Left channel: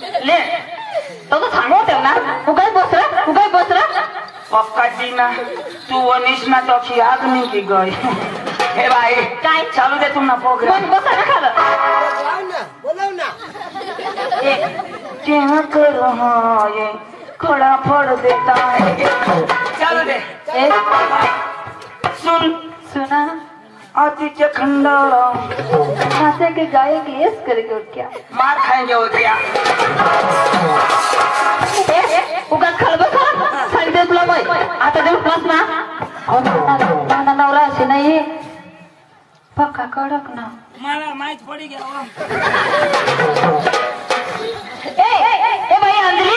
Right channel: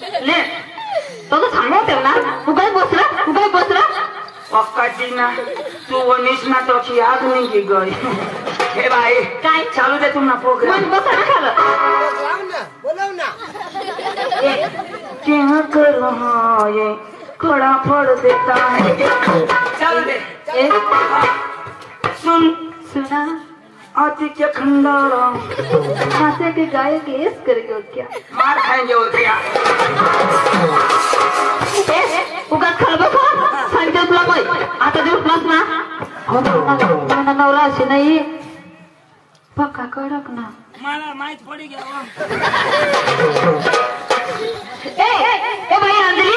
ले तो सांगा त्याला उगाच बसरा अक्काची ना तू वनिश ना त्याची आग निघी गई हे बाई काय चालू दे तू ना प्रोग्राम बसा ना खाला बोलाव ना बोलाव ना क्या करो हाँ ये खड़ा फोड़ देता है चालू दे सुना आती के खंडर हाथे के गाय केस करके क्या मार खाएंगे हो क्या उगा खलबसा सांगते तुला बाई आता देऊ प्लस ना हो ना नवरा असे नाही पक्का कडक ना मला माहित पडी घ्यावा ए बाई अंजली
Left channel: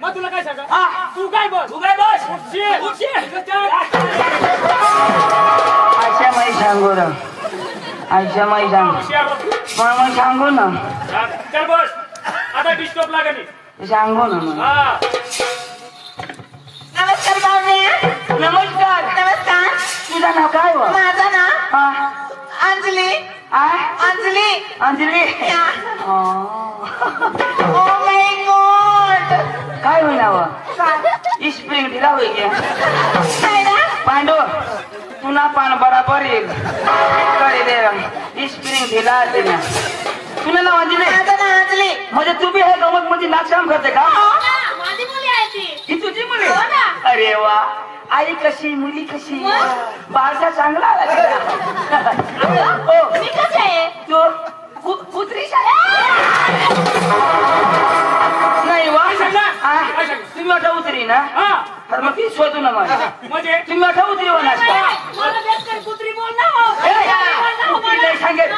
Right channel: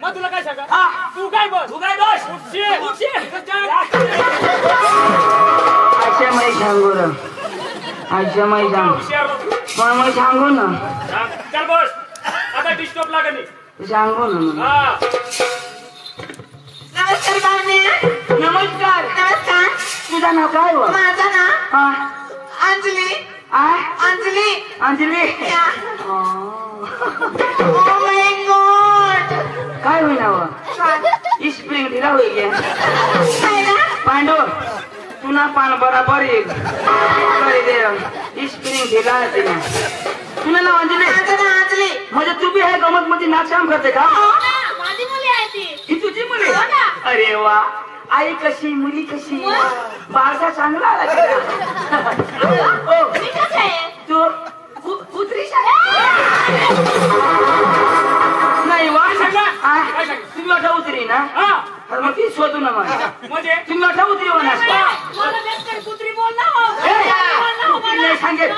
मग तुला काय सांगा तू काय बस आशा माई सांगू ना आशा माई सांगू ना चल बस आता डिस्टॉप लागेल सांगू ना हा नमस्कार बाळा नमस्कार तुझं नाव काय बघ माझं ना अंजली अंजली काय होईल स्प्रिंग दिला होईल पांडू पुन्हा पान बराबर येईल स्प्रिंग दिला तिला तुला अंजली म्हणजे तू बी हे गमत म्हणजे नाचकाम करते का ही तुझी मुली अरे वा आई कशी मुली कशी बारसा चांगला तू कुत्री नाही तुम्ही मोठा उतरी ना मग ती शोधू ना म्हणजे तुम्ही मोठा उतरी कुत्री बोल ना सांगेल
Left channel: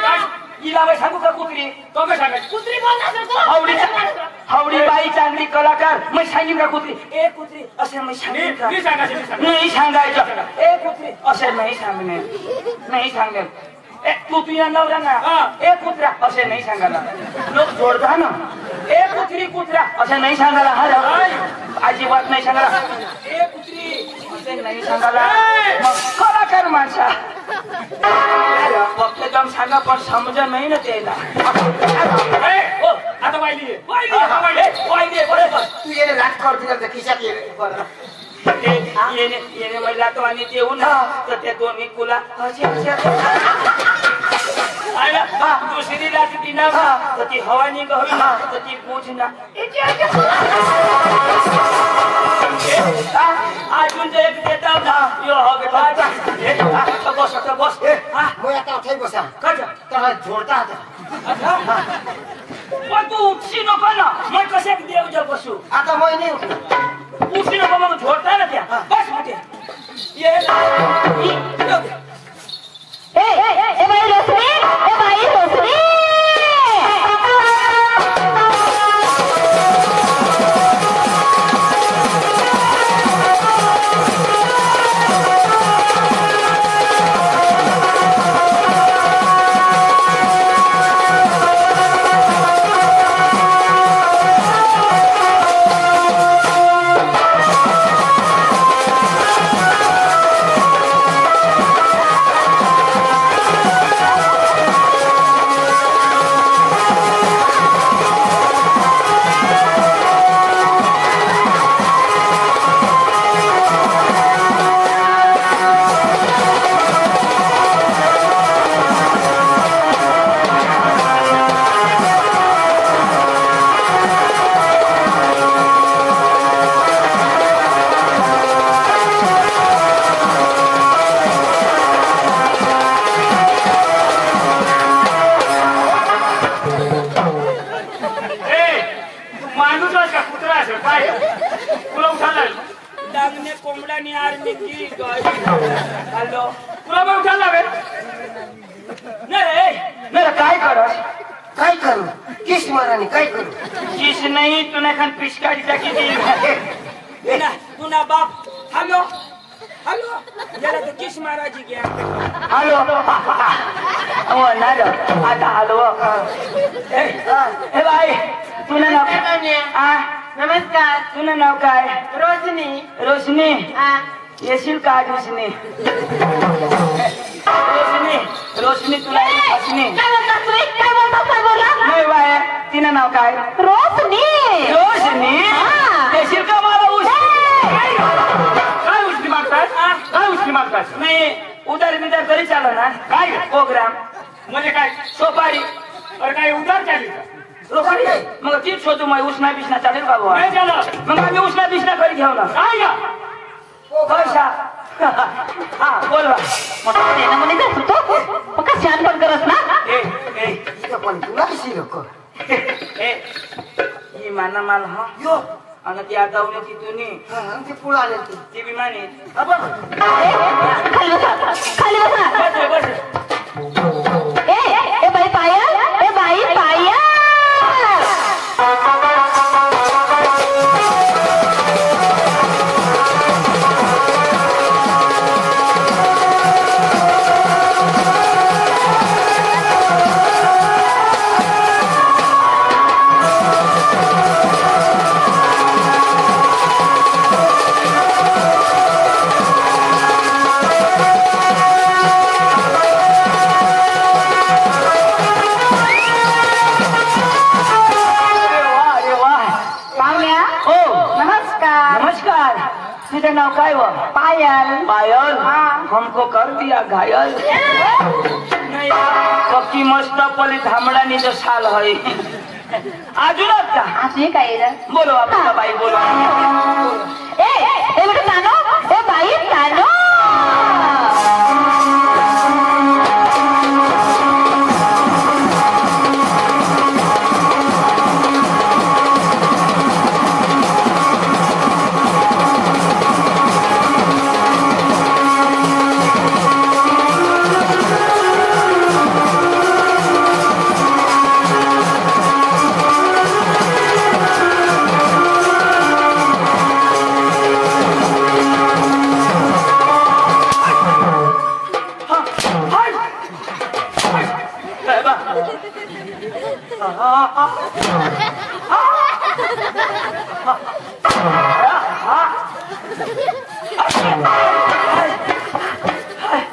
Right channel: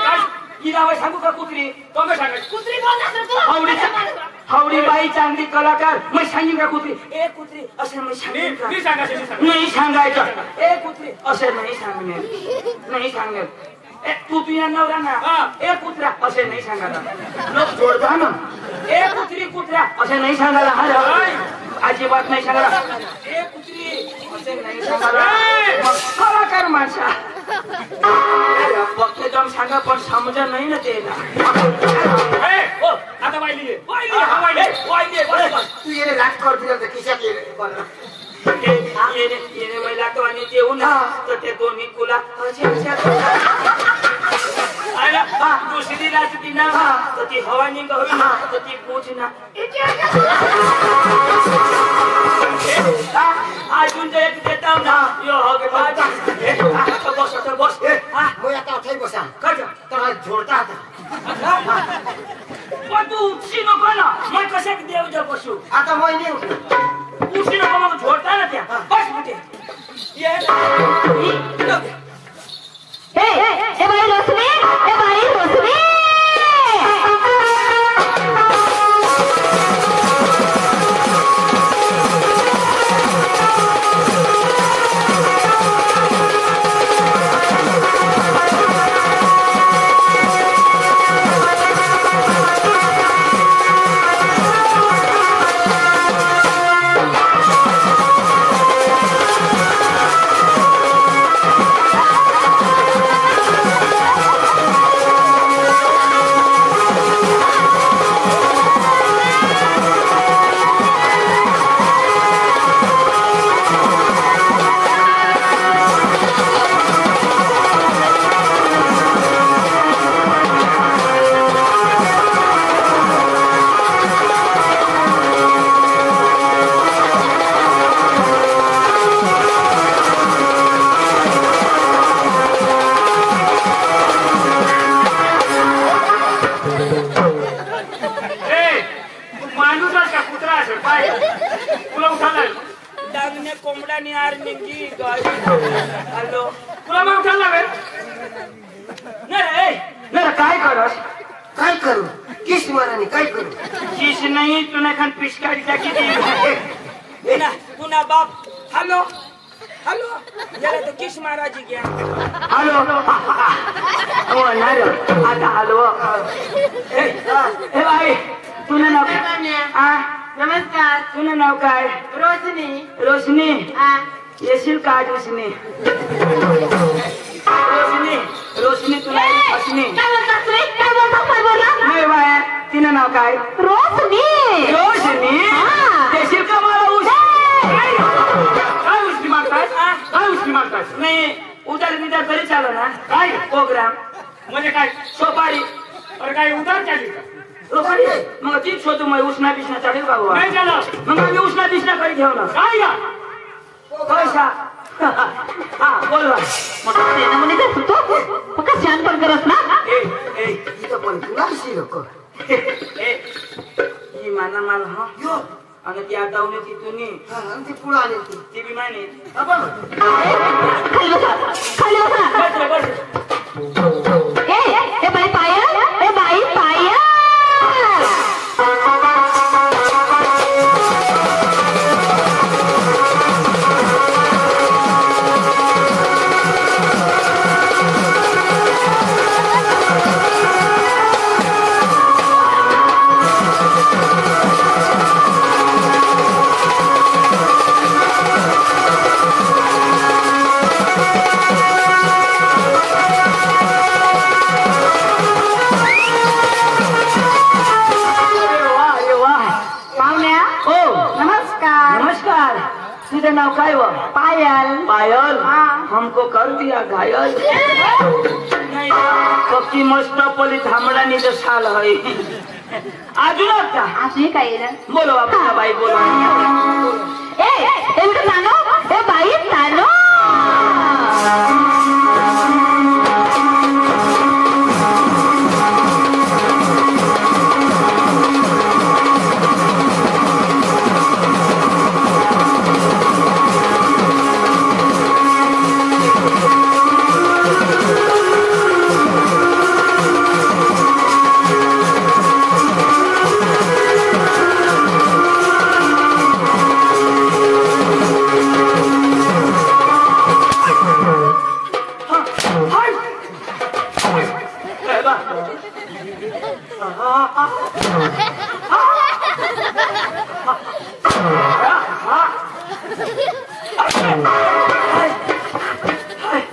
हिला सांगू का कुत्री तो मी सांगेल कुत्री बोल ना हवडी बाई चांगली कलाकार मी सांगेन का कुत्री ए कुत्री असे मी सांगेन नाही सांगायचं ए कुत्री असे नाही सांगेल तू तुझ्या नवरा ना ए कुत्रा असे नाही सांगायला जोडता ना ए कुत्रा असे नाही सांगायला अजिबात नाही सांगायला ए कुत्री असे नाही सांगायला कलाकार माणसा एकदम सांगा पण समजा नाही ना त्याला आता वाहिली तू ये राजकावर दिलं खिशात येणे महिला तो आणि ते येऊ ना तर त्या दोन्ही तुला दुसरी राजती ना तर ती हवानी गहरी ना तर ती पूज ना अजून जर एक देता ना बस मग आता अथाई बसा तर जोडता पण तू उपशी नको ना मग कशात देव जग बसू आता मग नाही उपशी नको मग झोडता ना त्या बस कुठे ए बाई रोसरी काय तुला उठाला डागने कोंबडाने आर मिळती हॅलो तुला मग उठायला लागेल नाही रे नाही काय करस काय करू किस माराने काय करू किस नाही तुला खान पिचकारीचा किती पुन्हा बाप हॅलो हॅलो जरा तर किस मारायची घ्या हॅलो हो नाही आता हॅलो हे बाई तुला नाव काय नमस्कार तुला नाव काय रोशनी रोशनी येशील का रोशनी रोशनी रोशनी तुला रोशनी नाही बाय तिनं नाव काय रोशनी रोशनी येशील का मला काय उष्टी मागताय काय उष्टी मागताय नाही उदर बिदर तरी चाललं ना काय प्रोग्राम म्हणजे काय सोपारी अरे काय उधार चालली का सोपारी मग तीच शोधू मग उष्णा बिष्णा चालेल का बुवा? नाही झालं मग मी उष्णा बिष्णा करी घेऊ ना काय का पैसा हा बोल बा. छान पण करस ना ए ए इथं पण तुला कशी लोक ए ही माना मला हा यो आणि ती आता उन्हा तिथून हा ती पुढे आले तू ती विमाने आपण खाली बसा बस बस ए बाई पाया ए बाई पाया नाव काय वो पायल पायल हमको कर दिया घायल कपची मस्त पली थांबडानी जो साल है अजून आता असे काय बोलो आपला बाई बोला ए बेटा नानो ए बाई नानो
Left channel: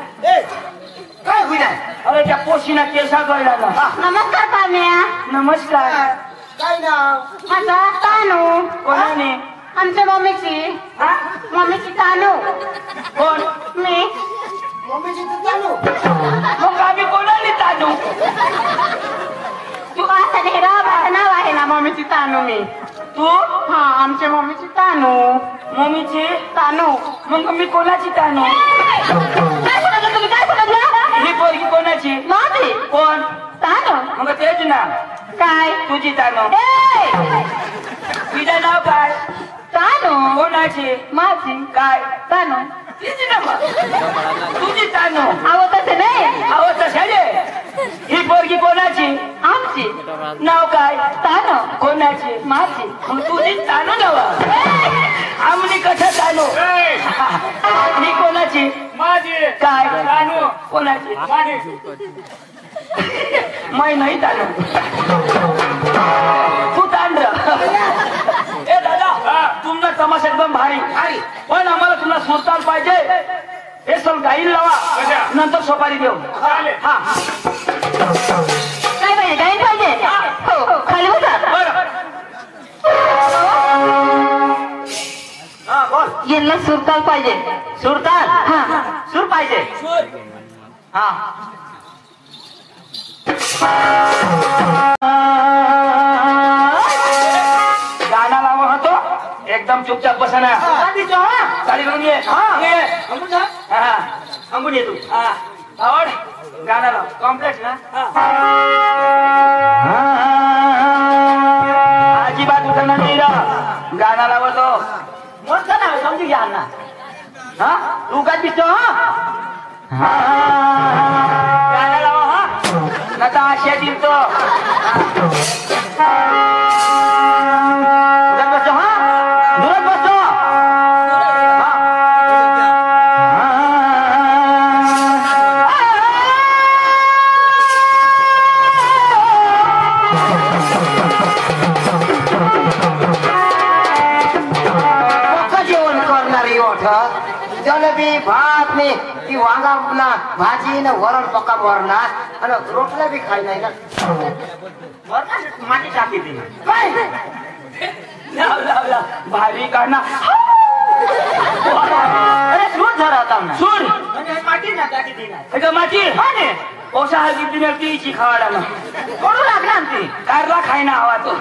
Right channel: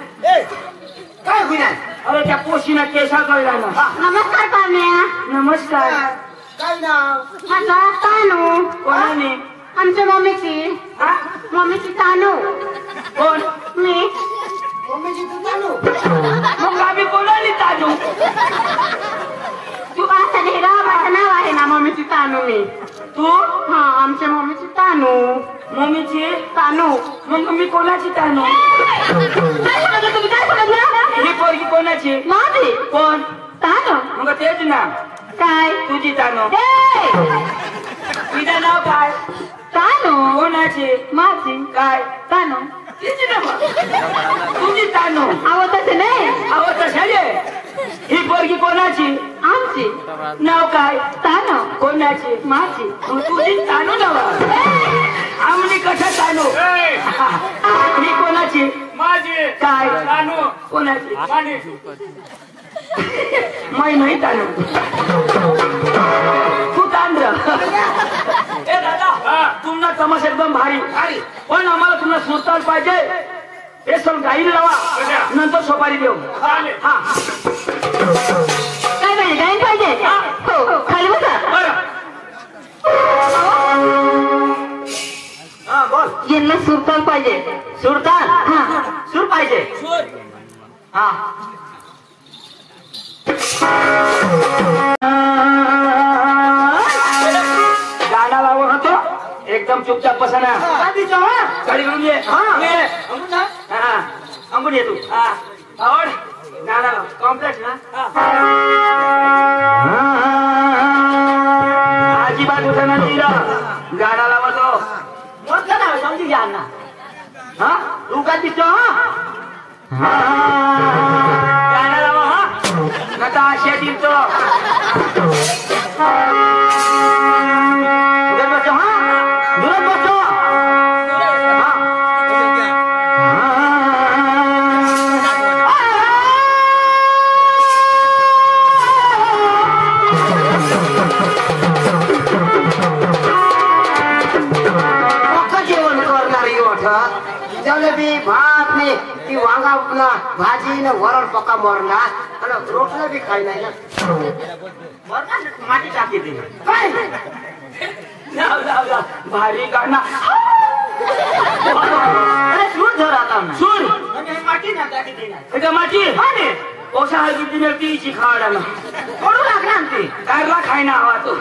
काय होईना अरे त्या पोशीना केसा गळला नमस्कार पाम्या नमस्कार काय नाव माझा तानू कोणाने आमच्या मम्मीची हा? मम्मीची तानू कोण मी मम्मीची तू चालू मग आम्ही कोणाने ताजू तू असं ढेरा माझं नाव आहे ना मम्मीची तानू मी तू हा आमच्या मम्मीची तानू मम्मीची तानू मग मी कोणाची तानू काय सांगितलं तुम्ही काय सांगितलं ही पोरगी कोणाची माझी कोण तानू मग तेच ना काय तुझी तानू ए तिचं नाव काय तानू कोणाची माझी काय तानू तिची नाव तुझी तानू आवं तसं नाही अहो कशाले ही पोरगी कोणाची आमची नाव काय तानू कोणाची माझी मग तुझी तानू नाव आमनी कशा तानू ही कोणाची माझी काय तानू कोणाची माने मैं नाही तानू तू तांड ए दादा तुमना तमाशा एकदम भारी भारी पण आम्हाला तुम्हाला सुरताल पाहिजे हे सग गाईल लावा नंतर सोपारी देऊ चालेल हा काय पाहिजे काय पाहिजे हो खाली बसा बरं हा बोल यांना सुरताल पाहिजे सुरताल हा सूर पाहिजे हा गाणं लावा होतो एकदम चुपचाप बसा ना गाडी घेऊन ये अंगून ये तू आवड गाणं लाव कॉम्प्लेक्स ना अजिबात होता ना मीरा गाडा लावतो मग का ना समजू घ्या ना हा तू काय दिसतो हा गाडा लावा हा नका आशा दिसतो उधर बसो हा दूर बसो जलेबी भात ने ती वांगा भाजी न वरण पक्का मरणार आणि रोटला बी खाई नाही का माटी टाकी दे काय लाव लाव लाव भारी काढणार अरे सूर झाला आता सूर आणि माटी ना टाकी ती नाही का माटी नाही ओसा किती न तीची खावा लागला कोण लागला ती काय खाई ना आवा तो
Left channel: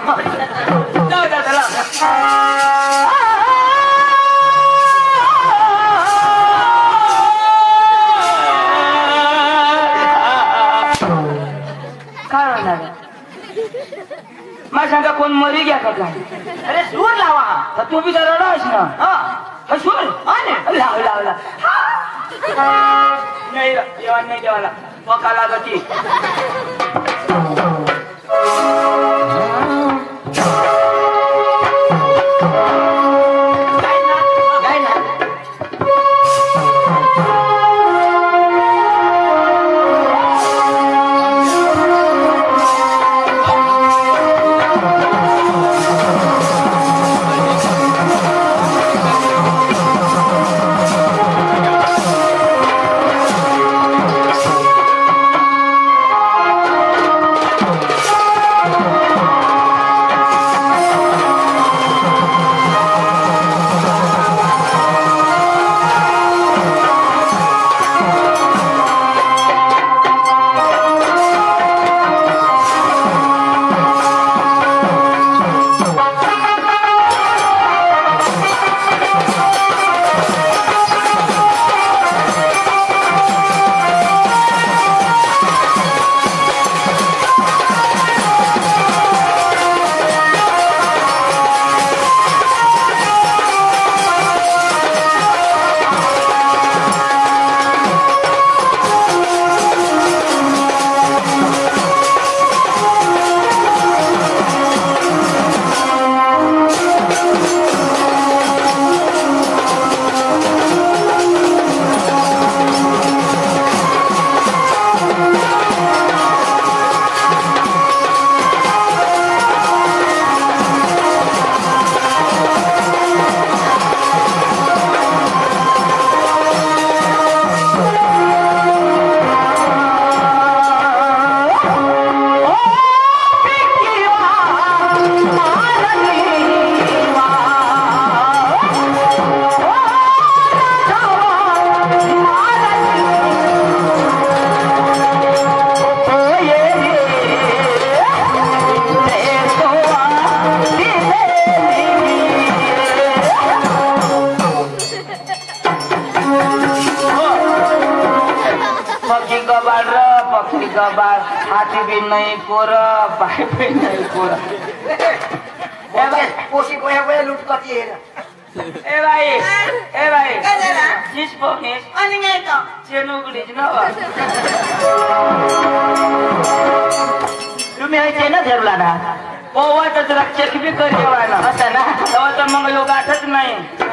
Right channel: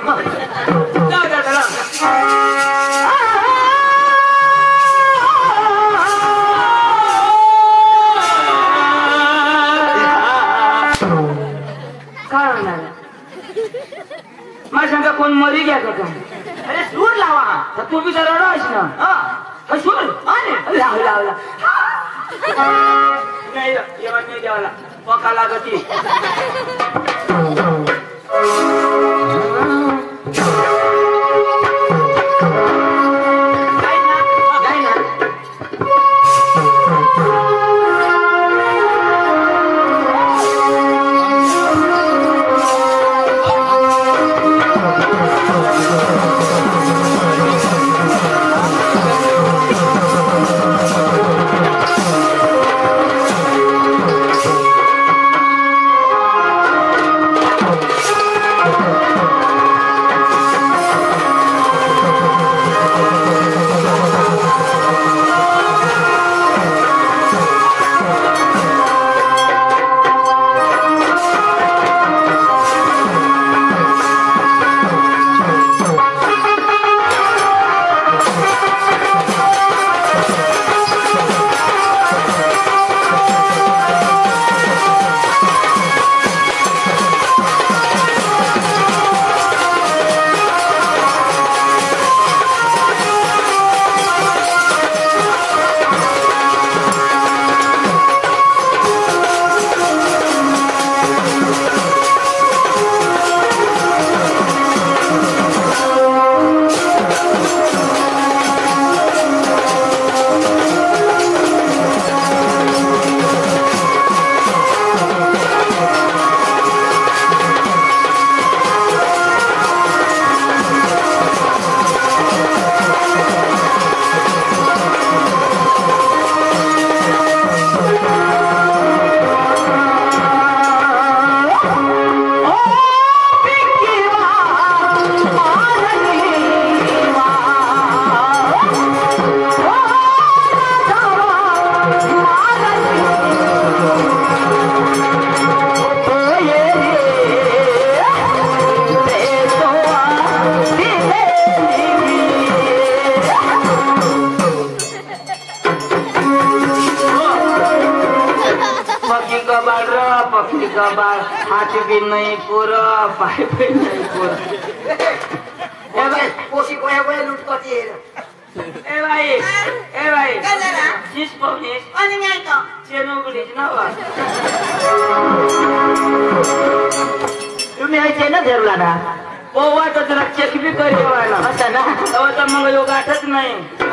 माझ्या सांगा कोण मरी घ्या का अरे सूर लावा तर तू बी जरा रस ना सूर लाव लावला नाही जेवण नाही देवाला पका लागती पक्षी का बार हाथी भी नहीं पूरा पाई भी नहीं पूरा पोशी गोया गोया लूट करती है ए भाई जिस पोकेस आणि नाही का चेनो गिलीज ना बा तुम्ही हे चेनो धरला ना ओ वाटत तुला चेक बी करेवा ना आता मग लोक आठत नाही